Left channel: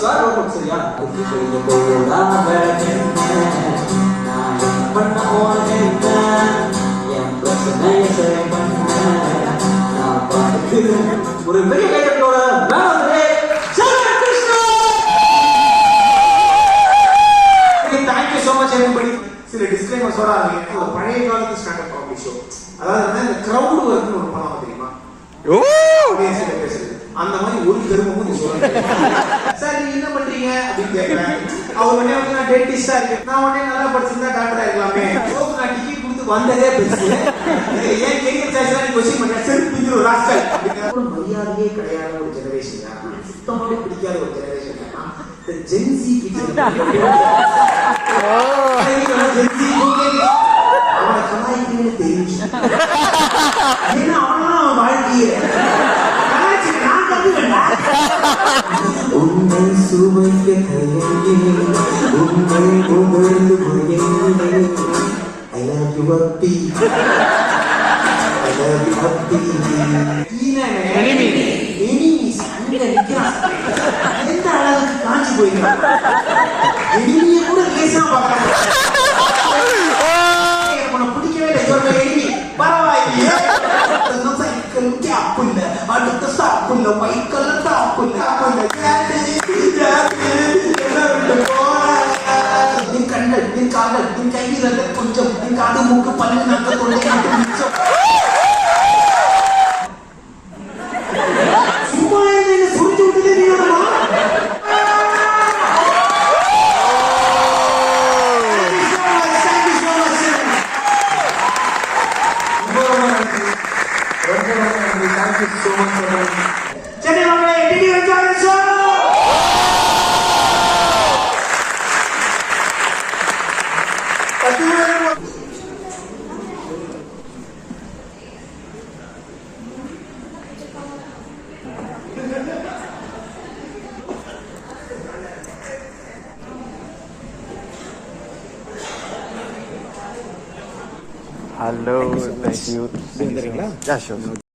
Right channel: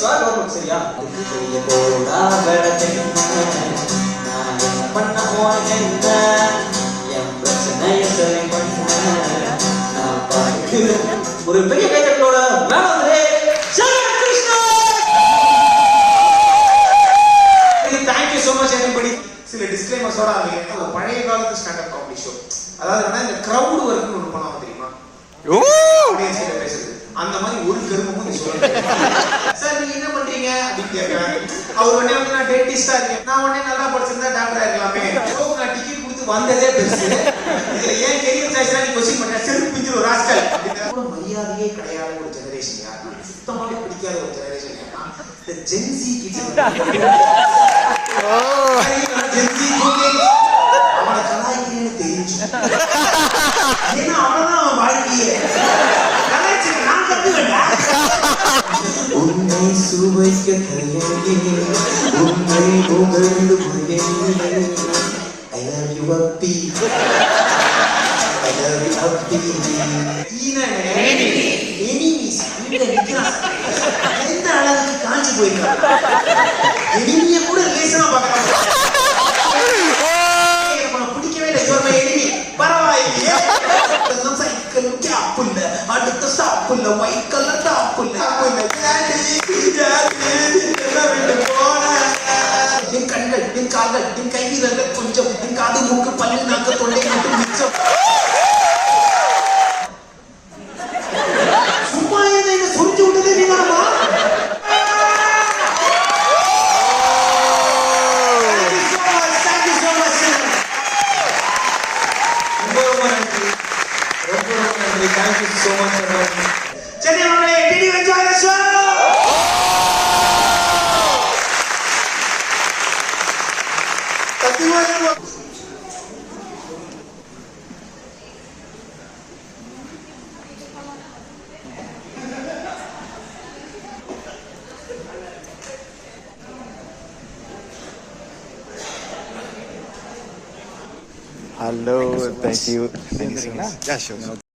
Swag வரும் சரியா? போடா வெடக்கென்ன நான் பண்ண போறேன்ன என் பிரச்சனையை சரி பண்ண நான் பார்க்கிறேன். ஒரு பெரிய கைத்தட்டலோட மேல வந்து தேங்க்யூ சோ மச் everybody. சில டிஸ்க்ளைமர்ஸோட ஆரம்பிக்கிறேன். ஒரு பழைய காலத்து ஸ்டாண்டப் காமெடி ஷோ. அதாவது இந்த கிரவுட் ஒர்க்னு ஒரு படம் தெரியுமா? ஆடியன்ஸ்ல பேசுறது. அந்த மாதிரி ஒரு கருமமும் நீ சொல்லுங்க. சார் நீங்க என்ன பண்றீங்க அப்படின்னு கேட்கிறேன். அவர் உடனே அப்படின்னா டென்டிஸ்டா இருக்கு. நான் உடனே நல்லா படிச்சிருந்தா டாக்டரா இருக்கலாமே. ஷோக்கு நான் டிக்கெட் கொடுத்து வந்ததே பெருசு. ஏன் கெரியர் சாய்ஸ்ல நீ கொஸ்டின் பண்ண செல்ஃப் பிஞ்சிரு ஒரு ராஸ்கல். அப்படிங்கிற மரியாதையே கிடையாத ஒரு ஜெனரேஷன் யாருன்னா சுத்தமாவே பிடிக்காத ஒரு ஜெனரேஷன் யாருன்னா இந்த ஜென்சி கிட்ஸ். அவனை கலாய்க்கிறேன்னு தெரிஞ்சு ஏன்னா அவனதான் அவன் வாழ்க்கையே நான் கத்துவேன்டா. உன்னை சுவைக்க தயங்கே உன்னை புகழ்ந்து புகழ்ந்தே I love you happy I love you happy. Enemies அங்க நிக்கிறான். எந்த அளவுக்கு காஞ்சி போயிருக்கான். எனிமிய கூட லேசா பார்க்கறான். எனக்கு பிடிக்கவே இல்லை. ஜோர்மை எனிமி பரவாயில்லையே. நம்ம சைக்கிள் கேப் இல்ல, அடுத்த ஸ்டாப் இல்ல, ஒயிட் கலர் டாப் இல்ல, என் கண்கள், என் கால்கள், என் கை வீரர்கள் கொஞ்சம், என் காது மூக்கு பல்லு நாக்கு தொண்டை மட்டும் மிச்சம். சும்மா என்ன சுருட்டி விட்டுட்டு நீ வேணுமா? Thank you so much for having me. Chennai Mangale, did you enjoy the show? Thank you very much. Hello, thank you so much. Yeah, sure.